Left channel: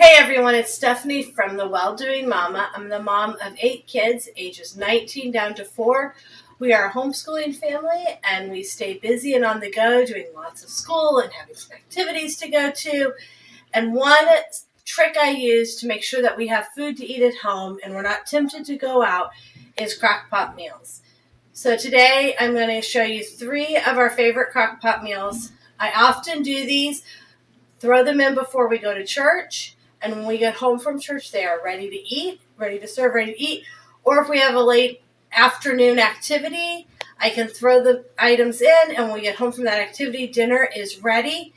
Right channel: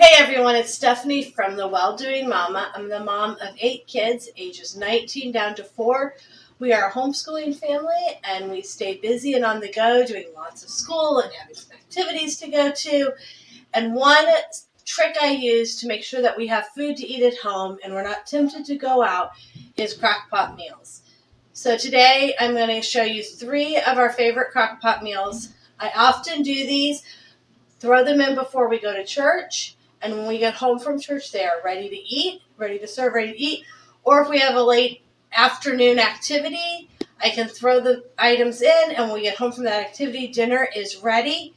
Hey everyone, it's Stephanie from the Well-Doing Mama. I'm the mom of 8 kids, ages 19 down to 4. We are a homeschooling family and we stay busy and on the go doing lots of school and having some activities to go to. And one trick I use to make sure that we have food to eat at home and we're not tempted to go out is Crockpot meals. So today I'm going to show you 3 of our favorite Crockpot meals. I often do these, throw them in before we go to church. And when we get home from church, they are ready to eat, ready to serve, ready to eat. Or if we have a late afternoon activity, I can throw the items in, and when we get home from that activity, dinner is ready,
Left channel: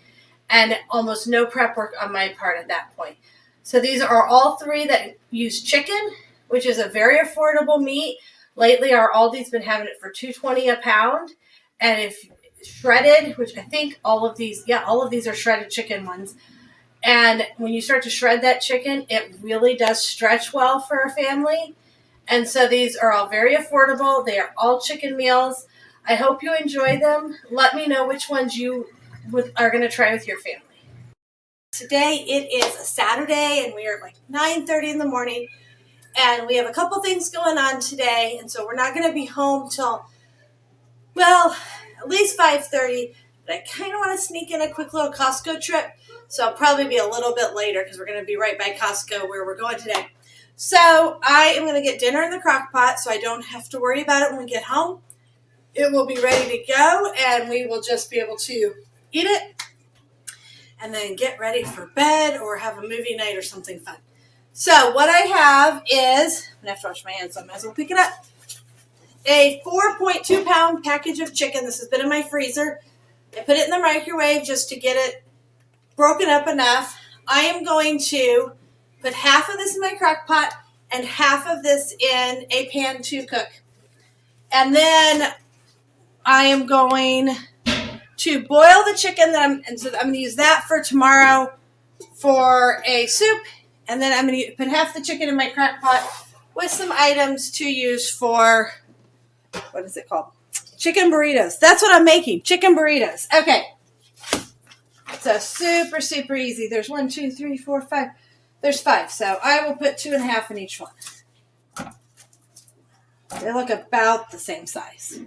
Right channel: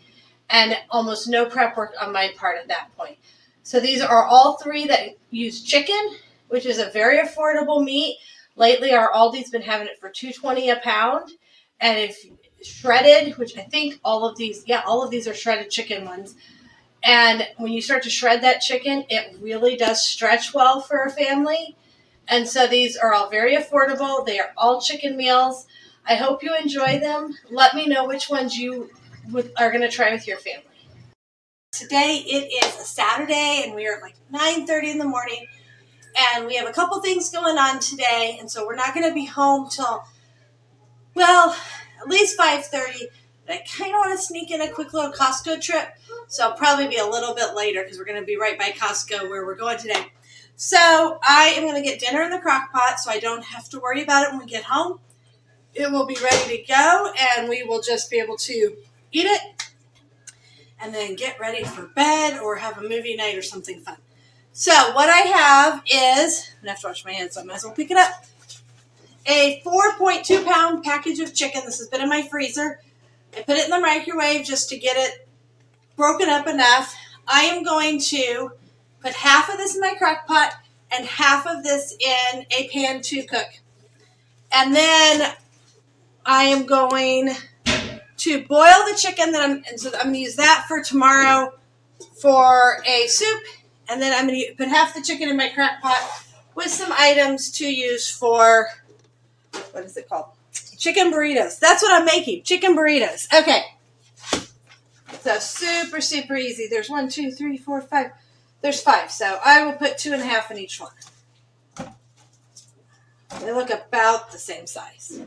and almost no prep work on my part at that point. So these are all 3 that use chicken, which is a very affordable meat. Lately, our Aldi's been having it for $2.20 a pound, and if shredded, which I think all of these are shredded chicken ones. And when you start to shred that chicken, it really does stretch well for a family. And so these are all very affordable. They are all chicken meals. I hope you enjoy them. Let me know which ones you are going to try with your family. Today it is a Saturday and we are at like 9:30 in the morning. And we have a couple things going on today. And so we're not going to be home till, well, at least 5:30. But I kind of want to sneak in a quick little Costco trip. So I'll probably be a little bit later because we're going to be right by Costco where we're going today. So I am going to get dinner in the crock pot so I don't have to worry about it when we get home. It will be ready to go and we will just be able to eat it and then get ready for bed or have a movie night or something fun. So what I have is, I'm going to have to wash my hands so I might as well pick it up, a 4.2 pound package of chicken. This has been in my freezer. I put it in the microwave just to get it broken up enough. I am going to put half of this in my crock pot and half of this in a pan to cook. And then I am going to boil the chicken so I'm going to use that for tomorrow for a soup. And then I'm going to put half the chicken in my crock pot with some items to use for, what is it called? Chicken burritos. That's what I'm making. Chicken burritos. Okay. So super, super easy. There's 1, 2, 3, 4, 5. There's 5. So I will put 2.5 in each one. They look about the same size.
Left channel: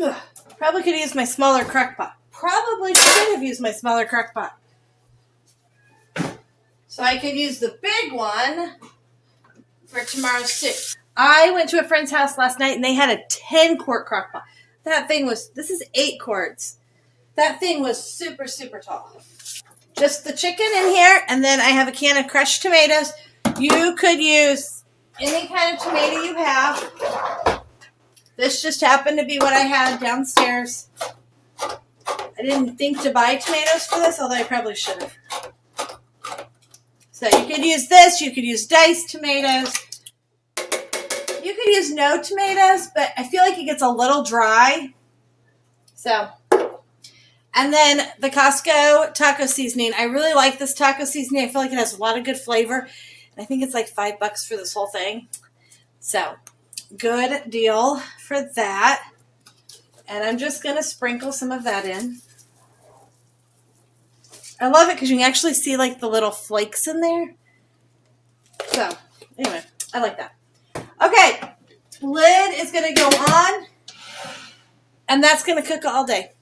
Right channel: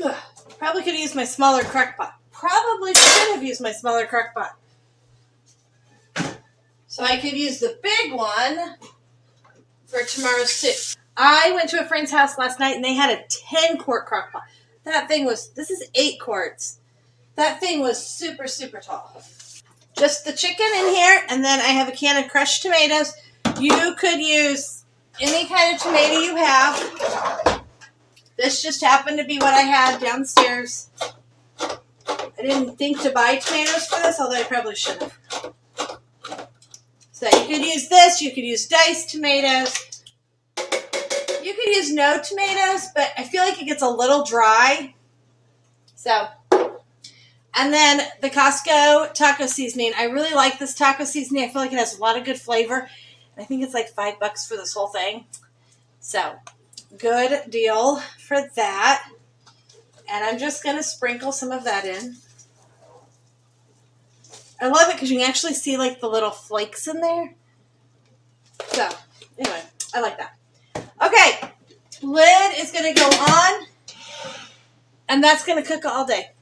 Ugh, probably could have used my smaller crock pot. Probably should have used my smaller crock pot. So I could use the big one for tomorrow's soup. I went to a friend's house last night and they had a 10-quart crock pot. That thing was, this is 8 quarts. That thing was super, super tall. Just the chicken in here, and then I have a can of crushed tomatoes. You could use any kind of tomato you have. This just happened to be what I had downstairs. I didn't think to buy tomatoes for this, although I probably should have. So you could use this. You could use diced tomatoes. You could use no tomatoes, but I feel like it gets a little dry. So, and then the Costco taco seasoning. I really like this taco seasoning. I feel like it has a lot of good flavor. I think it's like $5 for this whole thing. So, good deal for that. And I'm just going to sprinkle some of that in. I love it because you can actually see like the little flakes in there. So, anyway, I like that. Okay, lid is going to go on, and that's going to cook all day.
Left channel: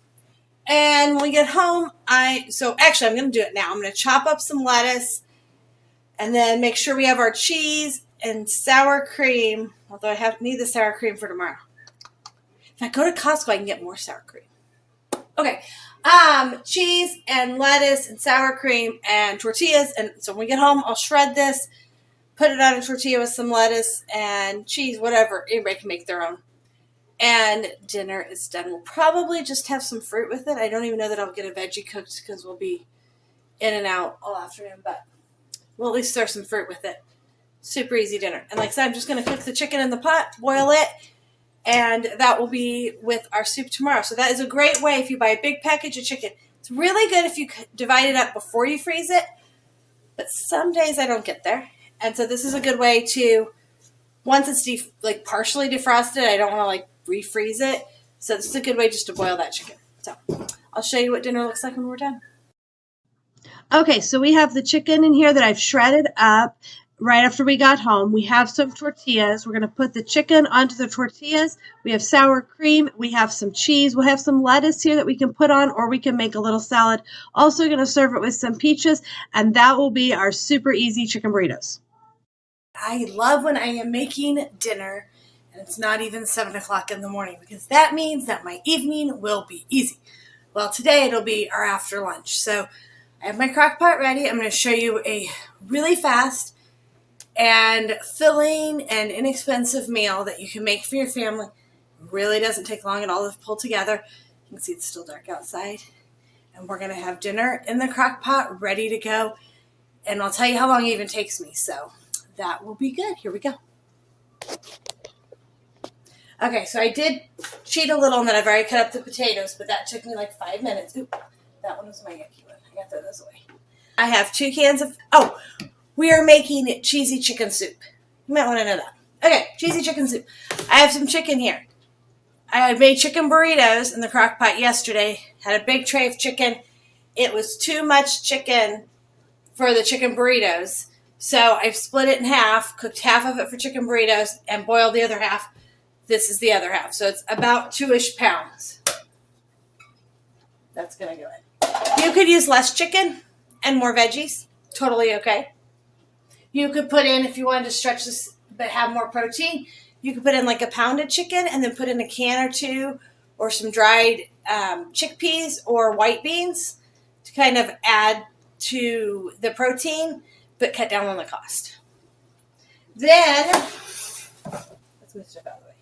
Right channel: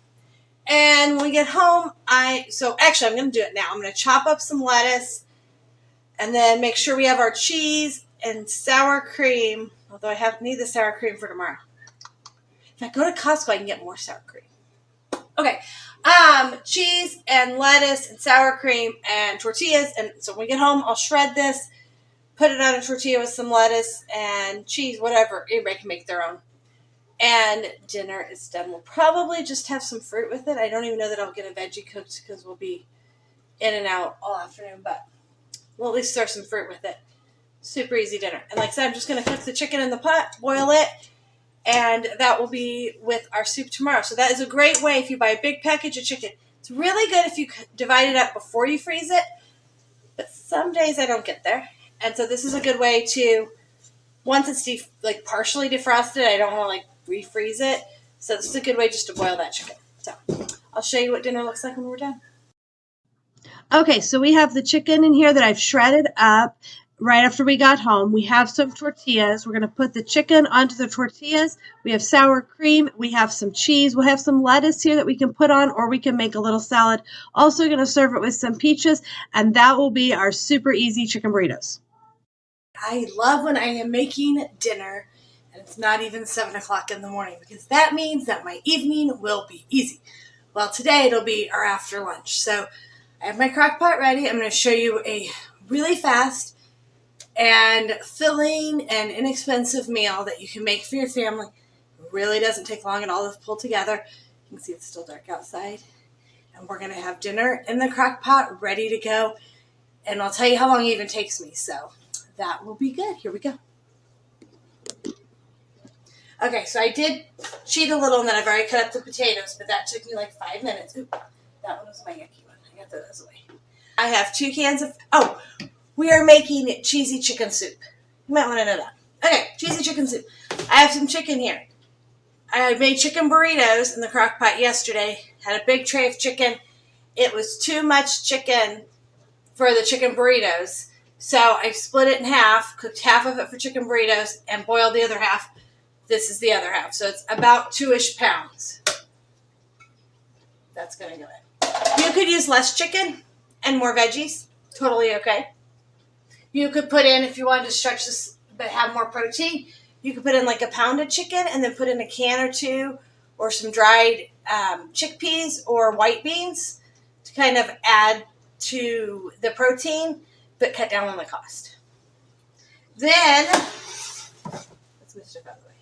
And when we get home, I'm going to do it now. I'm going to chop up some lettuce, and then make sure we have our cheese and sour cream, although I need the sour cream for tomorrow. If I go to Costco, I can get more sour cream. Okay, cheese and lettuce and sour cream and tortillas, and so when we get home, I'll shred this. Put it on a tortilla with some lettuce and cheese, whatever. Anybody can make their own. And dinner is done. We'll probably just have some fruit with it. I don't even know that I'll get a veggie cooked because we'll be in and out all afternoon. But we'll at least throw some fruit with it. Super easy dinner. And like I said, I'm just going to cook the chicken in the pot, boil it, and that will be with our soup tomorrow. So that is a great way if you buy a big package of chicken. It's really good if you divide it up before you freeze it. But some days I don't get there. And so this is a good way to, once it's partially defrosted, I don't want to refreeze it. So this is a good way just to boil that chicken. So I'll show you what dinner looks like when we're done. Okay, so we have the chicken in here that I've shredded up right after we got home. We have some tortillas. We're going to put the chicken onto the tortillas. We have sour cream. We have some cheese. We'll have some lettuce here that we can put on, or we can make a little salad. Also going to serve it with some peaches, and that will be our super easy chicken burritos. I love when I am making dinner and it's not even 7 o'clock in the morning, because that means that my evening will be easy. Well, today it'll be our after lunch. So I have my crock pot ready. I'm going to show you a really fast and filling and inexpensive meal that you can make for your family. It really doesn't take long at all to pull together. You can see it's still dark outside. And we're going to have dinner in the crock pot ready to go. And I'll tell you how long it even takes me. So that will be good. Here we go. Okay, so I did cheat a little, and then I've already cut up the potatoes, but that took me like 5 minutes. Ooh, that one was my yucky one. I got those away. I have 2 cans of, we are making cheesy chicken soup. You might want to know that. Okay, cheesy chicken soup. I have some chicken here. I made chicken burritos in the crock pot yesterday. Had a big tray of chicken. It was too much chicken for the chicken burritos, so I split it in half, cooked half of it for chicken burritos, and boiled the other half. This is the other half. So it's about 2-ish pounds. That's going to go in. You could use less chicken and more veggies. Totally okay. You could put in, if you wanted to stretch this but have more protein, you could put in like a pound of chicken and then put in a can or 2 or some dried chickpeas or white beans to kind of add to the protein but cut down on the cost. Then, let's move stuff out of the way.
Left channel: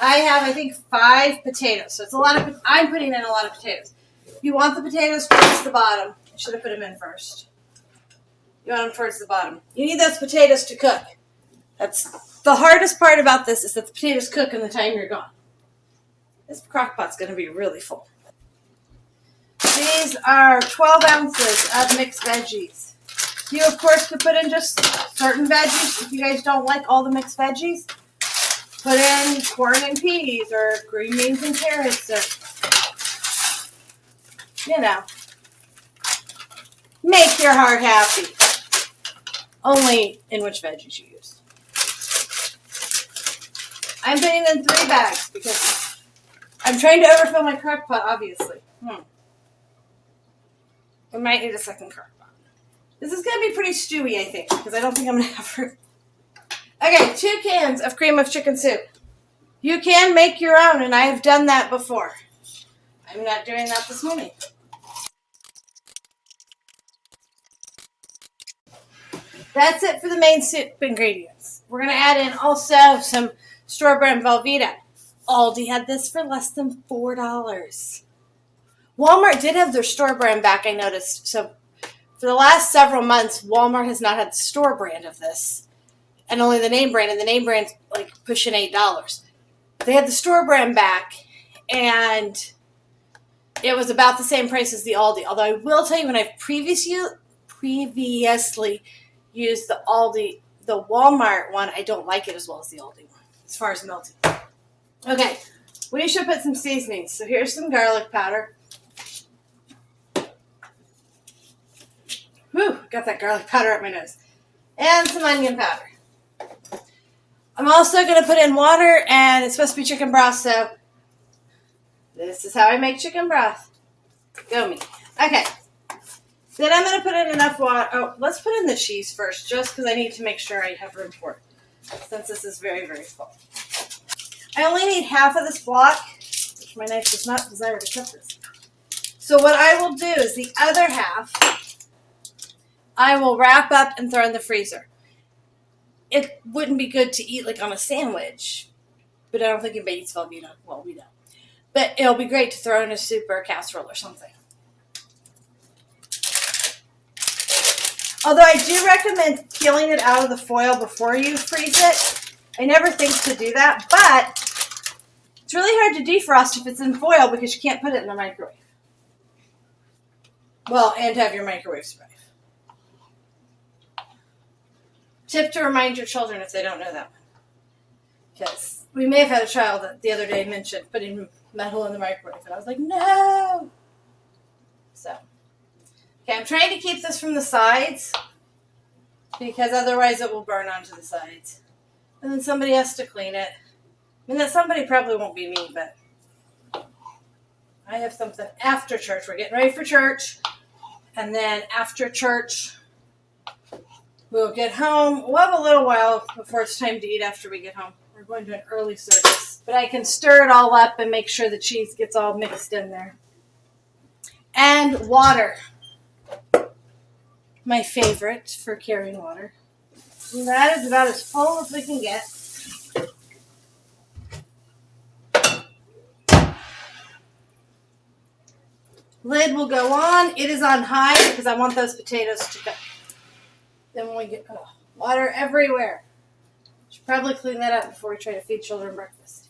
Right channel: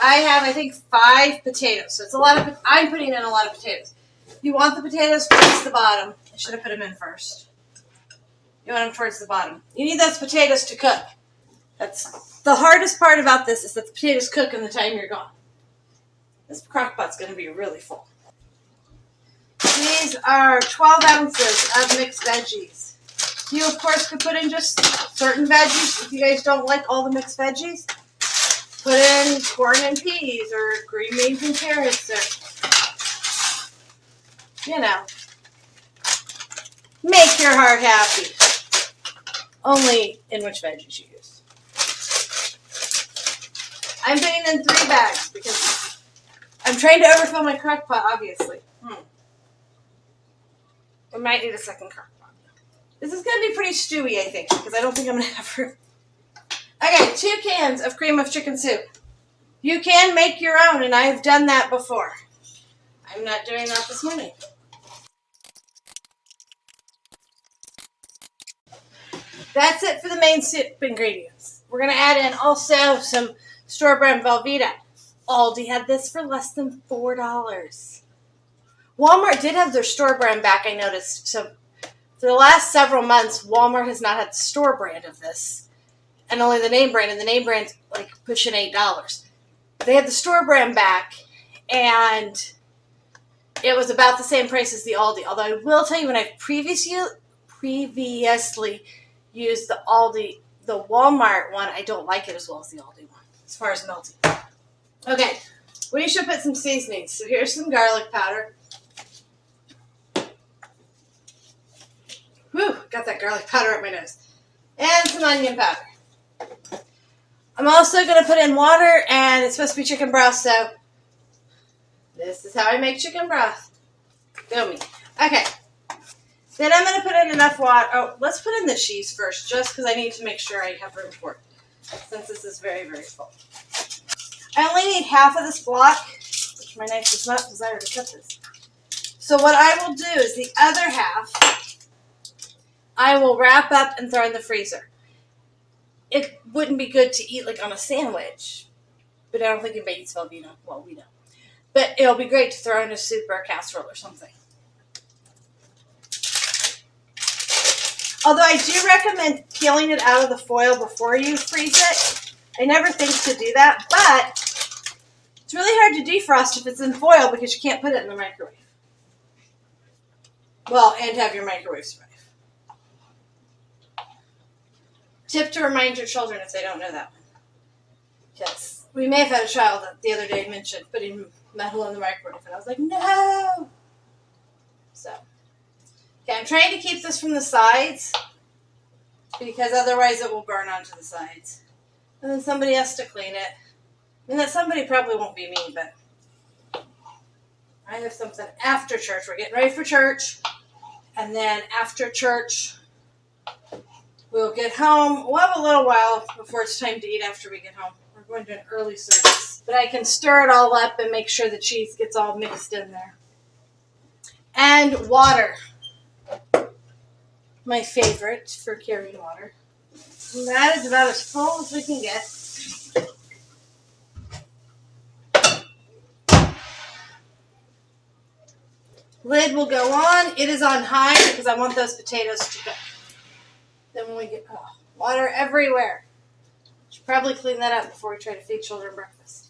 I have, I think, 5 potatoes. So it's a lot of, I'm putting in a lot of potatoes. You want the potatoes towards the bottom. I should have put them in first. You want them towards the bottom. You need those potatoes to cook. That's the hardest part about this, is that the potatoes cook in the time you're gone. This crock pot's going to be really full. These are 12 ounces of mixed veggies. You, of course, could put in just certain veggies if you guys don't like all the mixed veggies. Put in corn and peas or green beans and carrots, or, you know, make your heart happy. Only in which veggies you use. I'm putting in 3 bags because I'm trying to overfill my crock pot, obviously. I might need a second crock pot. This is going to be pretty stewy, I think, because I don't think I'm going to have room. Okay, 2 cans of cream of chicken soup. You can make your own, and I have done that before. I'm not doing that this morning. That's it for the main soup ingredients. We're going to add in also some store-brand Velveeta. Aldi had this for less than $4. Walmart did have their store brand back, I noticed. So for the last several months, Walmart has not had the store brand of this, and only the name brand, and the name brand's like pushing $8. They had the store brand back, and it was about the same price as the Aldi. Although I will tell you, when I've previously used the Aldi, the Walmart one, I don't like it as well as the Aldi one, as far as melting. Okay, we should put some seasonings. So here's some garlic powder. Whew, got that garlic powder up my nose. And some onion powder. I'm also going to put in water, and it's supposed to be chicken broth, so this is how I make chicken broth. Go me. Okay. Then I'm going to put in enough water. Oh, let's put in the cheese first, just because I need to make sure I have room for it, since this is very, very full. I only need half of this block, which my knife does not desire to cut this. So what I will do is the other half, I will wrap up and throw in the freezer. It wouldn't be good to eat like on a sandwich, but I don't think anybody eats Velveeta. Well, we don't. But it'll be great to throw in a soup or a casserole or something. Although I do recommend peeling it out of the foil before you freeze it. I never think to do that, but it's really hard to defrost if it's in foil because you can't put it in the microwave. Well, and have your microwave survive. Tip to remind your children if they don't know that one. Because we may have had a child that the other day mentioned putting metal in the microwave, and I was like, no! So, Okay, I'm trying to keep this from the sides because otherwise it will burn onto the sides. And then somebody has to clean it. I mean, that somebody probably won't be me, but I have something after church. We're getting ready for church. And then after church, we'll get home. We'll have a little while before it's time to eat after we get home. We're going to an early service. But I can stir it all up and make sure the cheese gets all mixed in there. And water. My favorite for carrying water. And that is about as full as we can get. Lid will go on. It is on high because I want those potatoes to go. Then when we get water everywhere. Should probably clean that up before we try to feed children breakfast.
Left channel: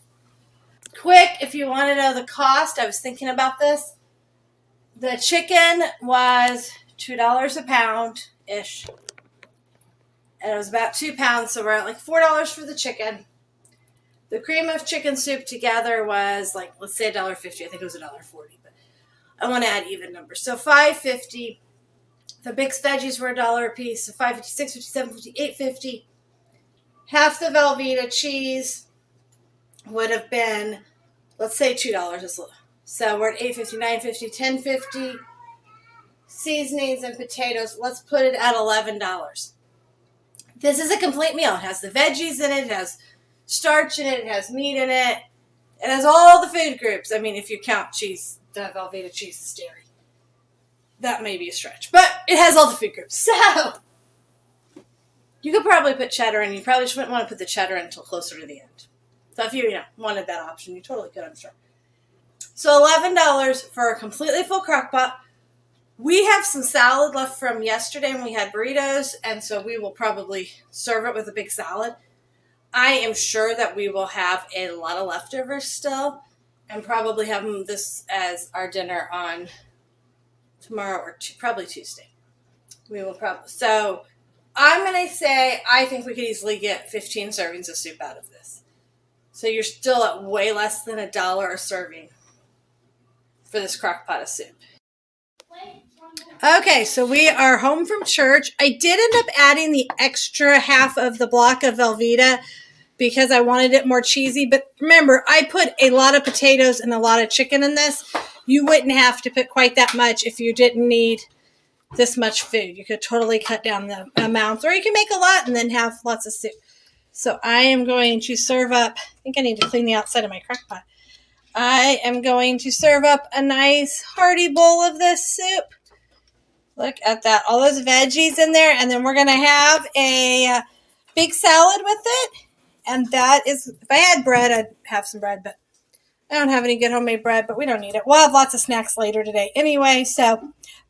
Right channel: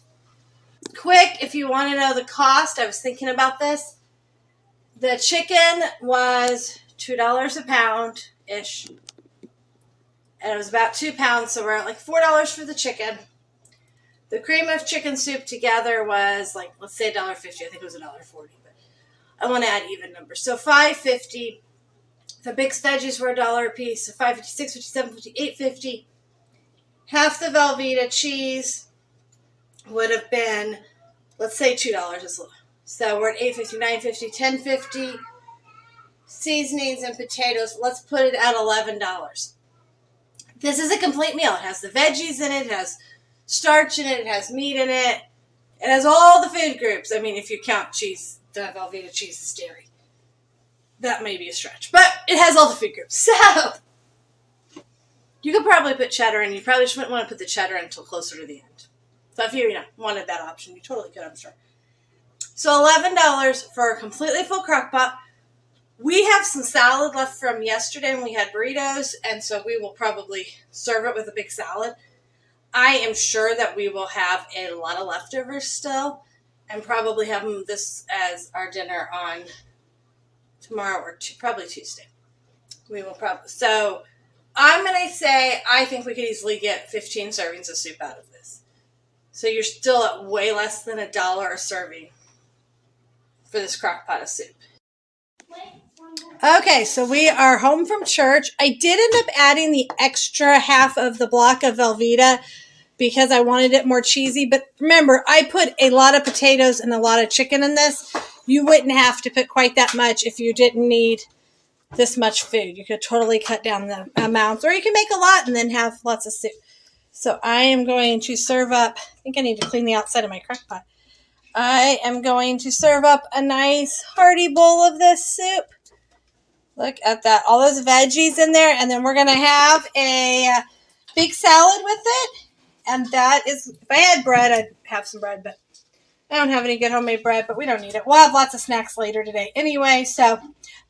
Quick, if you want to know the cost, I was thinking about this. The chicken was $2 a pound-ish. And it was about 2 pounds, so we're at like $4 for the chicken. The cream of chicken soup together was like, let's say $1.50. I think it was $1.40, but I want to add even numbers. So $5.50. The mixed veggies were $1 a piece. So $5.50, $6.50, $7.50, $8.50. Half the Velveeta cheese would have been, let's say $2. So we're at $8.50, $9.50, $10.50. Seasonings and potatoes, let's put it at $11. This is a complete meal. It has the veggies in it. It has starch in it. It has meat in it. It has all the food groups. I mean, if you count cheese, the Velveeta cheese is dairy. That may be a stretch. But it has all the food groups. So, you could probably put cheddar in. You probably just wouldn't want to put the cheddar in until closer to the end. So if you wanted that option, you totally could, I'm sure. So $11 for a completely full crock pot. We have some salad left from yesterday when we had burritos, and so we will probably serve it with a big salad. I am sure that we will have a lot of leftovers still, and probably have this as our dinner on tomorrow or probably Tuesday. We will probably. So I'm going to say I think we could easily get 15 servings of soup out of this. So you're still at way less than $1 a serving for this crock pot of soup. Okay, so we are home from church. I did end up adding the extra half of the block of Velveeta because I wanted it more cheesy. But remember, I put a lot of potatoes and a lot of chicken in this. You wouldn't have to put quite that much if you didn't need this much food. You could totally cut down the amounts, or you can make a lot and then have lots of soup. So I am going to serve up, I think I need to clean the outside of my crock pot. I am going to serve up a nice hearty bowl of this soup. Look at that. All those veggies in there. And then we're going to have a big salad with it. And that is, if I had bread, I'd have some bread. But I don't have any good homemade bread, but we don't need it. We'll have lots of snacks later today anyway. So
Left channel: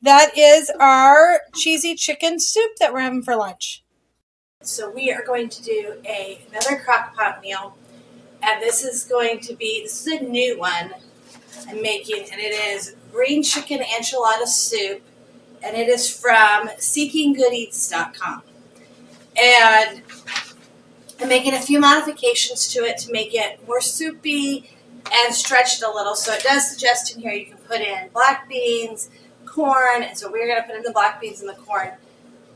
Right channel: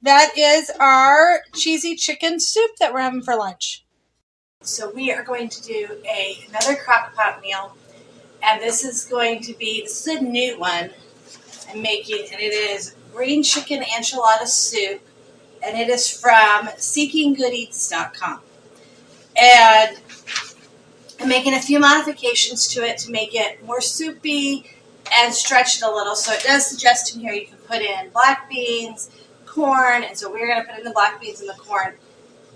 that is our cheesy chicken soup that we're having for lunch. So we are going to do another crock pot meal. And this is this is a new one I'm making. And it is green chicken enchilada soup. And it is from seekinggoodEats.com. And I'm making a few modifications to it to make it more soupy and stretch it a little. So it does suggest in here you can put in black beans, corn. And so we're going to put in the black beans and the corn.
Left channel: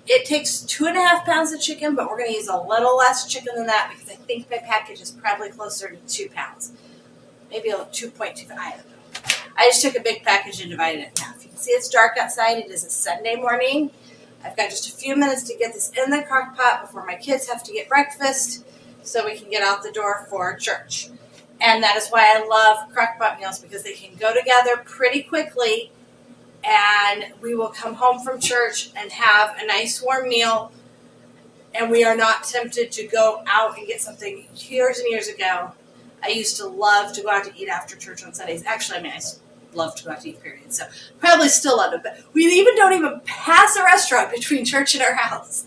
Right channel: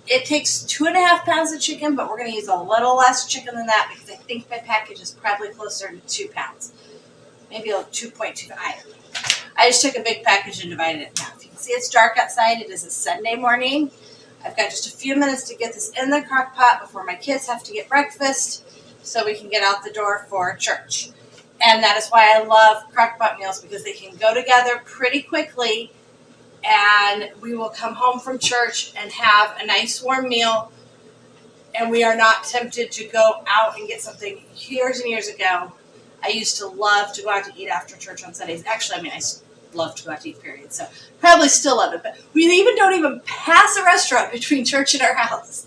It takes 2.5 pounds of chicken, but we're going to use a little less chicken than that because I think my package is probably closer to 2 pounds. Maybe a 2.25, I don't know. I just took a big package and divided it in half. You can see it's dark outside. It is a Sunday morning. I've got just a few minutes to get this in the crock pot before my kids have to get breakfast so we can get out the door for church. And that is why I love crock pot meals because they can go together pretty quickly and we will come home from church and have a nice warm meal and we are not tempted to go out and get something. Years and years ago, I used to love to go out to eat after church on Sundays. Actually, I love to go out to eat, period. So probably still love it. But we don't even pass a restaurant between church and our house.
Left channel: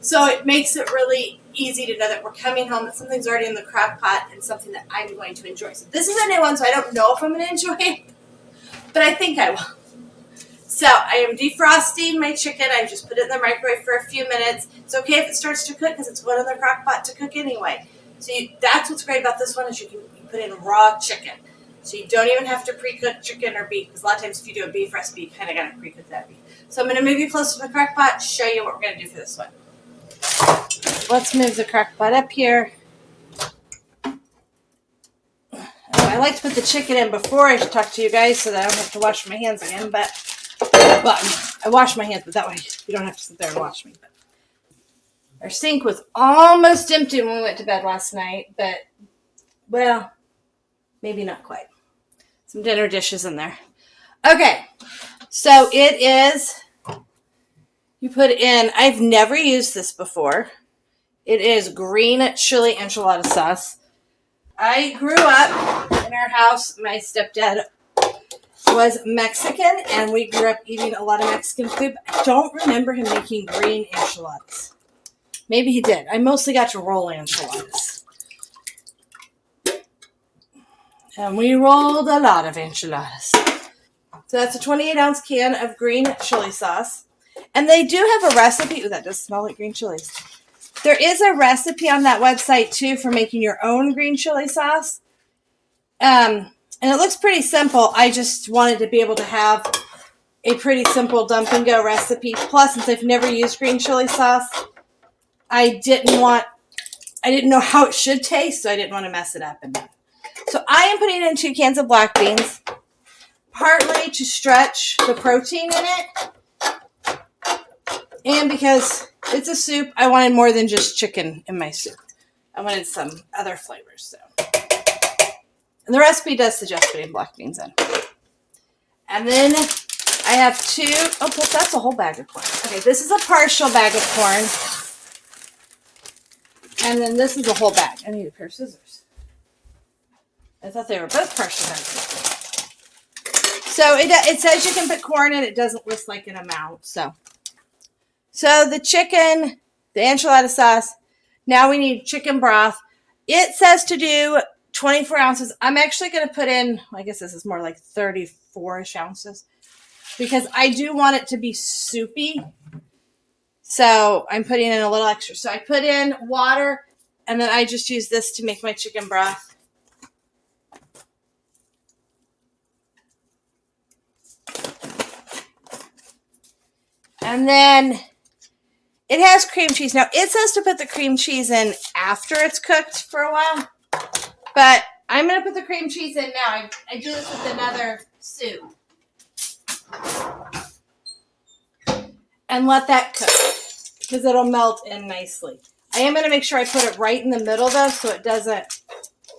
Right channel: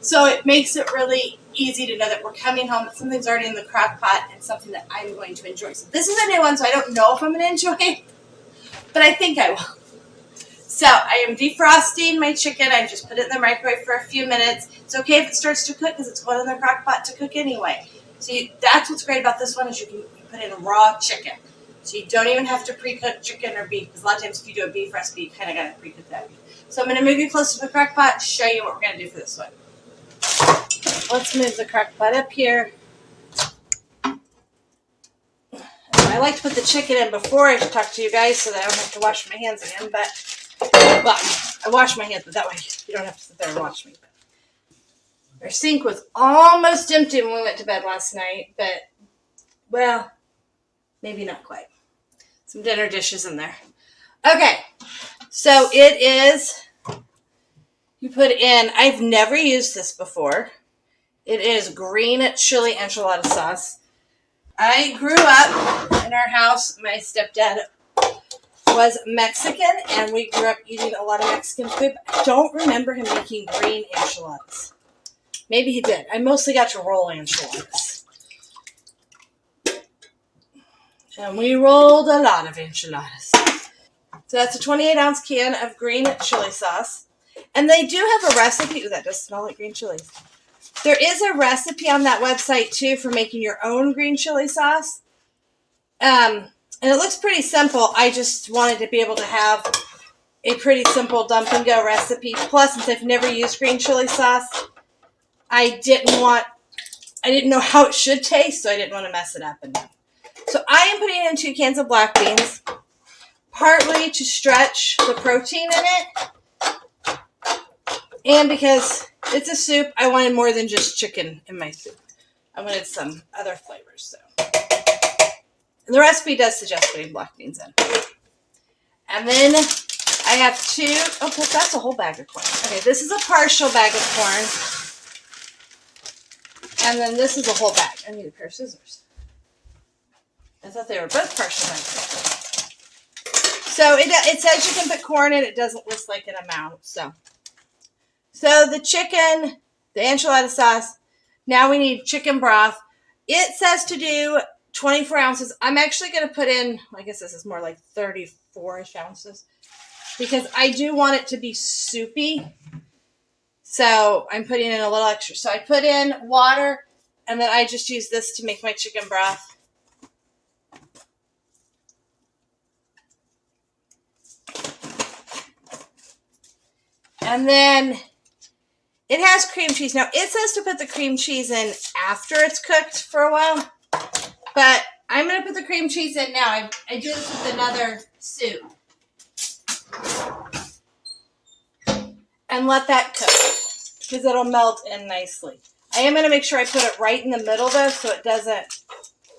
So it makes it really easy to know that we're coming home, that something's already in the crock pot and something that I'm going to enjoy. So this is a new one, so I don't know if I'm going to enjoy it. But I think I will. So I am defrosting my chicken. I just put it in the microwave for a few minutes. It's okay if it starts to cook because it's going in the crock pot to cook anyway. So that's what's great about this one is you put in raw chicken. So you don't even have to pre-cook chicken or beef, because a lot of times if you do a beef recipe, you kind of got to pre-cook that beef. So I'm going to move you closer to the crock pot to show you what we're going to do for this one. Let's move the crock pot up here. I like to put the chicken in before I talk to you guys so that I don't have to wash my hands again. But, well, I wash my hands, but that way you don't have to sit there and watch me. Our sink was almost empty when we went to bed last night, but, well, maybe not quite. Some dinner dishes in there. Okay, so it is, you put in, I've never used this before. It is green chili enchilada sauce. I grew up in our house. My stepdad was Mexican, and we grew up eating a lot of Mexican food. I don't remember him making green enchiladas. Maybe he did. I mostly got to roll enchiladas. And we rolled a lot of enchiladas. So that's a 28-ounce can of green chili sauce. And they do have a recipe. Ooh, that does smell like green chilies. There is a recipe on that website, too, for making your own green chili sauce. And it looks pretty simple. I just wanted to be able to have a pretty simple dump-and-go recipe. Plus, since I've never used green chili sauce, I didn't know how it should taste, so I didn't want to mess it up. So I am putting in 2 cans of black beans, partly to stretch the protein in it, and because it's a soup, I wanted more than just chicken in my soup. I wanted some other flavors. So, and the recipe does suggest putting black beans in. And then I have 2, that's a whole bag of corn. Okay, this is a partial bag of corn. And then this is a whole bag. I need a pair of scissors. I thought they were both partial bags of corn. So it says you can put corn in. It doesn't list like an amount. So the chicken, the enchilada sauce. Now we need chicken broth. It says to do 24 ounces. I'm actually going to put in, I guess this is more like 34-ish ounces. Because I do want it to be soupy. So I'm putting in a little extra. So I put in water, and then I just use this to make my chicken broth. And then it has cream cheese. Now, it says to put the cream cheese in after it's cooked for a while. But I'm going to put the cream cheese in now. I do this with another soup. And let that cook, because it'll melt in nicely. I am going to make sure I put it right in the middle, though, so it doesn't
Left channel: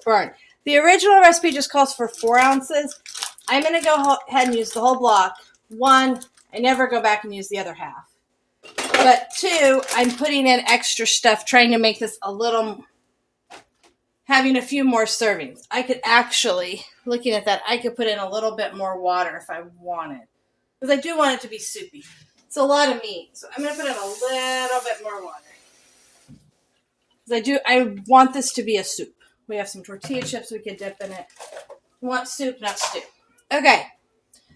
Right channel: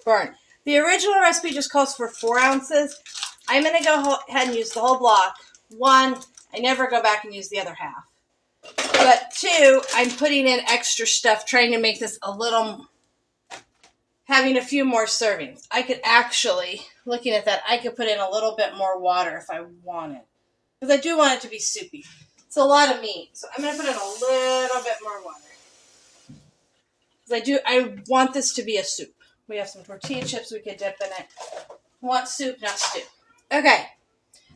burn. The original recipe just calls for 4 ounces. I'm going to go ahead and use the whole block. 1, I never go back and use the other half. But 2, I'm putting in extra stuff, trying to make this a little, having a few more servings. I could actually, looking at that, I could put in a little bit more water if I wanted. Because I do want it to be soupy. It's a lot of meat, so I'm going to put in a little bit more water. Because I want this to be a soup. We have some tortilla chips we could dip in it. We want soup, not stew. Okay,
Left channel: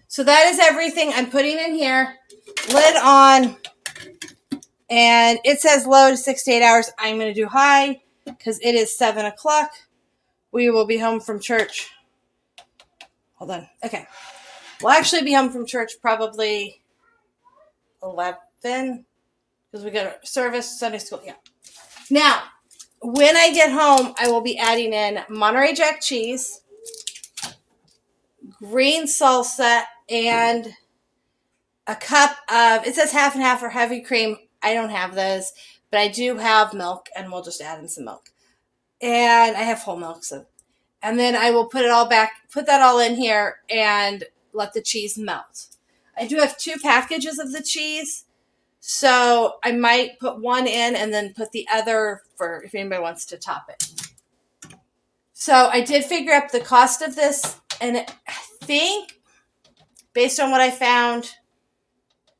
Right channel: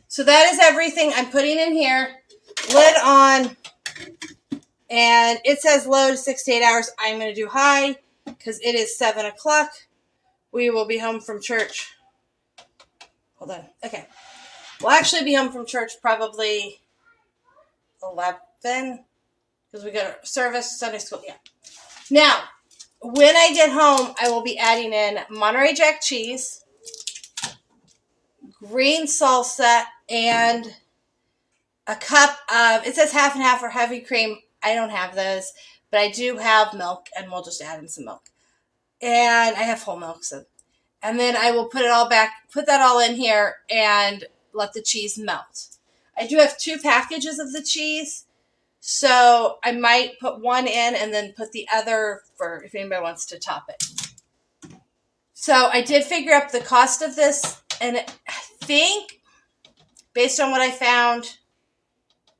so that is everything I'm putting in here. Lid on, and it says low to 6 to 8 hours. I'm going to do high, because it is 7 o'clock. We will be home from church. Hold on. Okay. We'll actually be home from church probably 11, because we got a service, Sunday school. Yeah. Now, when I get home, I will be adding in Monterey Jack cheese, green salsa, and a cup of, it says half and half or heavy cream. I don't have those, but I do have milk, and we'll just add in some milk. And I have whole milk, so. And then I will put that all in here, and let the cheese melt. I do have 2 packages of the cheese, so I might put 1 in and then put the other for if anybody wants to top it. So I did figure up the cost of this, and I think, based on what I found,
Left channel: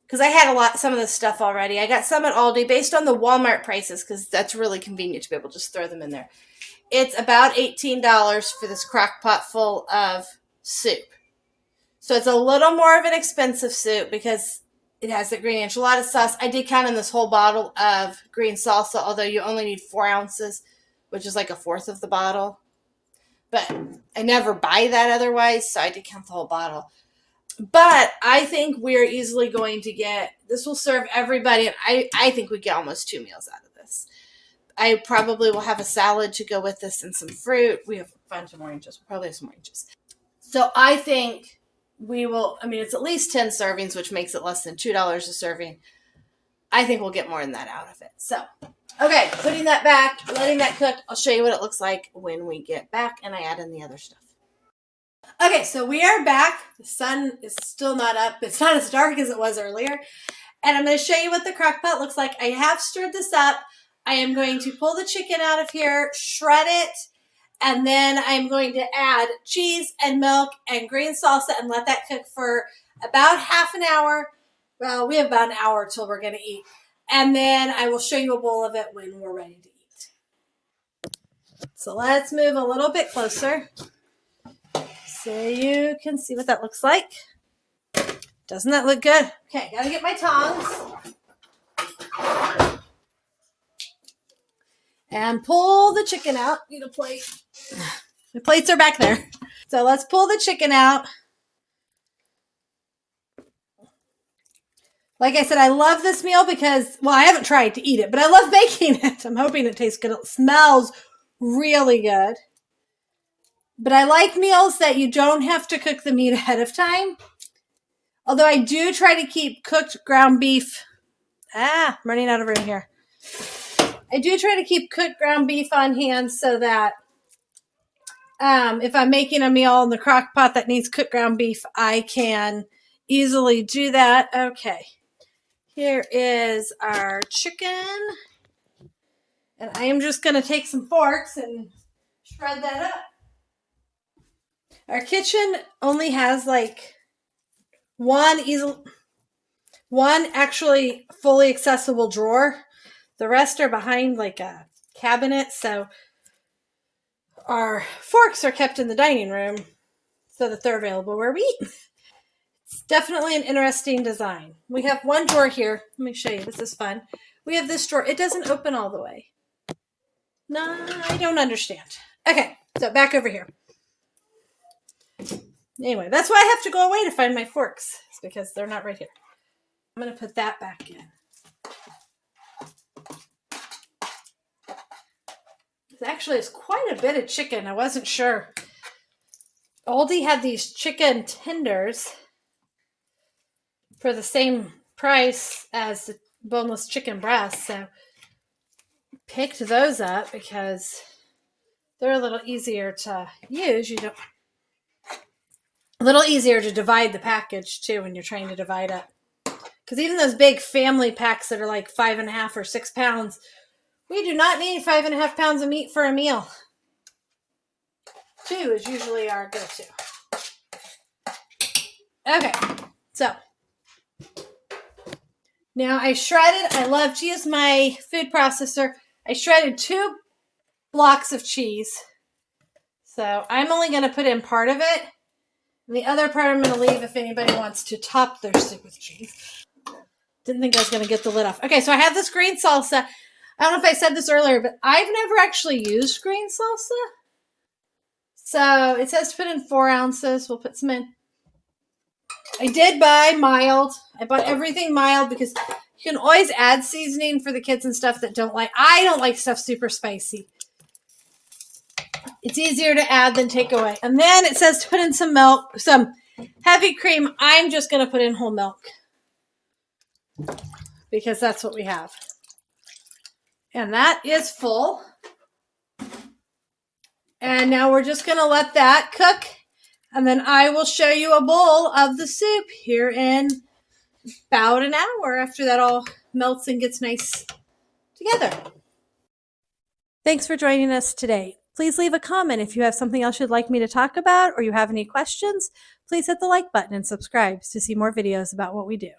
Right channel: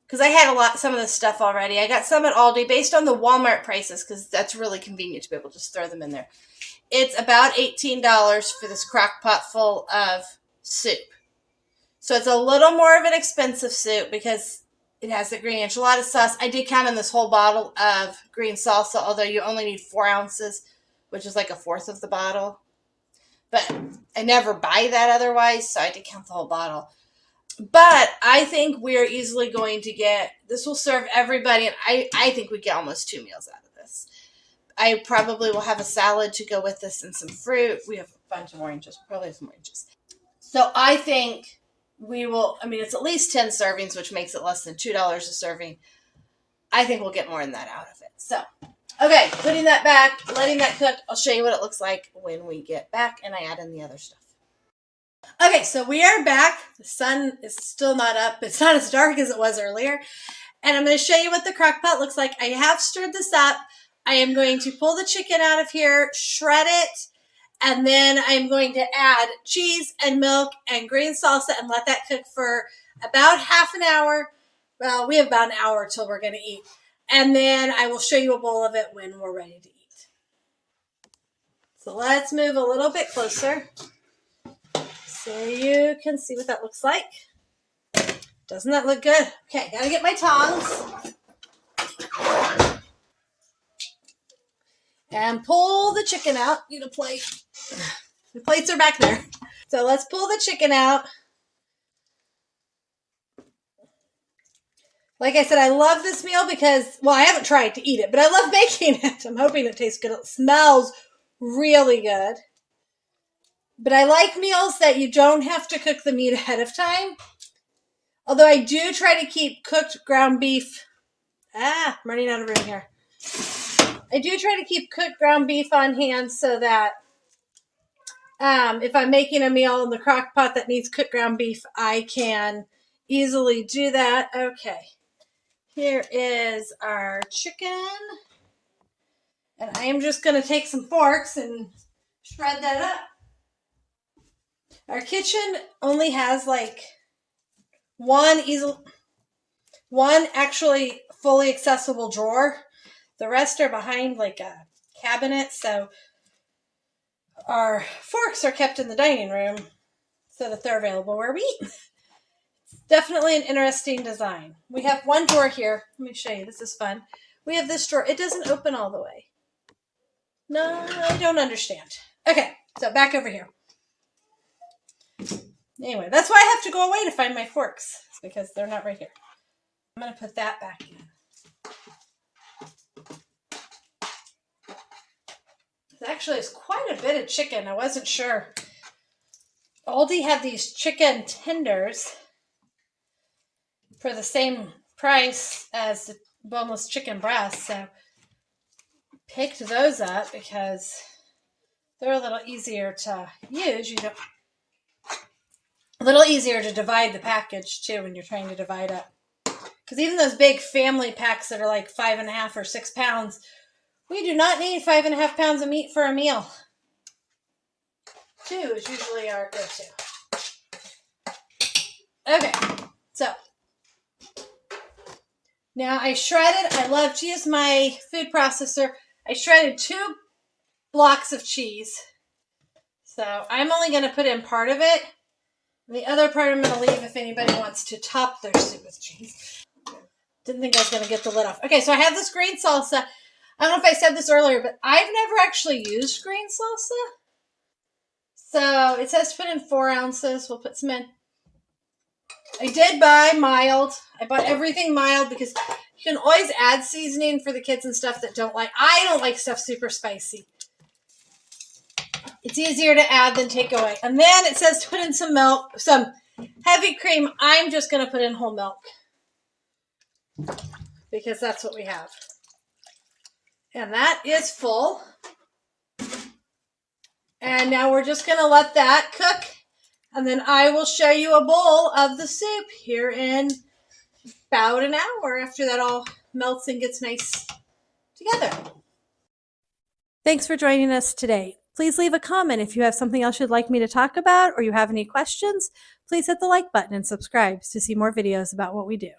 because I had some of this stuff already. I got some at Aldi based on the Walmart prices, because that's really convenient to be able to just throw them in there. It's about $18 for this crock pot full of soup. So it's a little more of an expensive soup because it has the green enchilada sauce. I did count in this whole bottle of green salsa, although you only need 4 ounces, which is like 1/4 of the bottle. but I never buy that otherwise, so I did count the whole bottle. But I think we're easily going to get, this will serve everybody, and I think we get almost 2 meals out of this. I probably will have a salad to go with this and some fruit. We have a bunch of oranges. We'll probably have some oranges. So I think we will, it's at least 10 servings, which makes it less than $2 a serving. I think we'll get more than that out of it. So, okay, putting that back, letting that cook. I'll show you what it looks like when we get back and I add in the other stuff. Okay, so we are back. The sun is still not up. It's not as dark as it was earlier. And I'm going to show you what the crock pot looks like. I have stirred this up. I am going to pull the chicken out of here, shred it, and then I'm going to add cheese and milk and green salsa and let that cook for about half an hour. Well, we have about an hour till we're going to eat. And then I will show you a bowl of it when we're ready to eat. So let's move a little bit closer so you can see what that looks like. Doesn't that look good? Okay, gotta get my tongs. And pull the chicken out. Need a plate. The plates are back there. So let's pull the chicken out. Like I said, I love this meal because, well, I haven't tried to eat it, but I love baking it. I'm hoping it tastes good. It smells really good. But I like meals that you don't have to cook the meat ahead of time. Although I do try to keep cooked ground beef. I'm running out of room here. I do try to keep cooked ground beef on hand so that if I'm making a meal in the crock pot that needs cooked ground beef, I can easily do that. Okay. Here is our chicken. And I am just going to take some forks and shred that up. Our kitchen only has like one actually fully accessible drawer. The rest are behind like a cabinet. So our forks are kept in the dining room so that they're available where we eat. It's definitely an interesting design. We have one drawer here. Let me show you. This is fun. We have this drawer. It doesn't open all the way. No, I don't understand. Okay, so back over here. Anyway, that's why I have to go away to find my forks. It's because they're not right here. I'm going to put that back in. Actually, it's quite a bit of chicken. I wasn't sure. Aldi had these chicken tenders for the same price as the boneless chicken breasts. So picked those up because they're a little easier to use. A little easier to divide the package too when you're trying to divide up. Because even those big family packs that are like 5.5 or 6 pounds, we do not need 5.5 pounds of meat for a meal. 2 is usually our go-to. Okay, so now I shredded. I love to use my food processor. I shredded 2 blocks of cheese. So I'm only going to put in part of it. And the other part I'm going to leave if anybody wants to top their soup with cheese. Didn't think I was going to get the lid off. Okay, so I have this green salsa. I don't know if I said this earlier, but I've never actually used green salsa. So it says to put in 4 ounces. We'll put some in. I did buy mild. I bought everything mild because you can always add seasoning for the kids and stuff that don't like. I don't like stuff super spicy. It's easier to add than take away. And then it says to put in some milk, some heavy cream. I'm just going to put in whole milk because that's what we have. And that is full. And now we're just going to let that cook. And then I will show you a bowl of the soup here in about an hour after that all melts and gets nice together. Thanks for joining us today. Please leave a comment if you have something else you'd like me to talk about or you have any questions. Please hit the like button and subscribe to see more videos about what we do.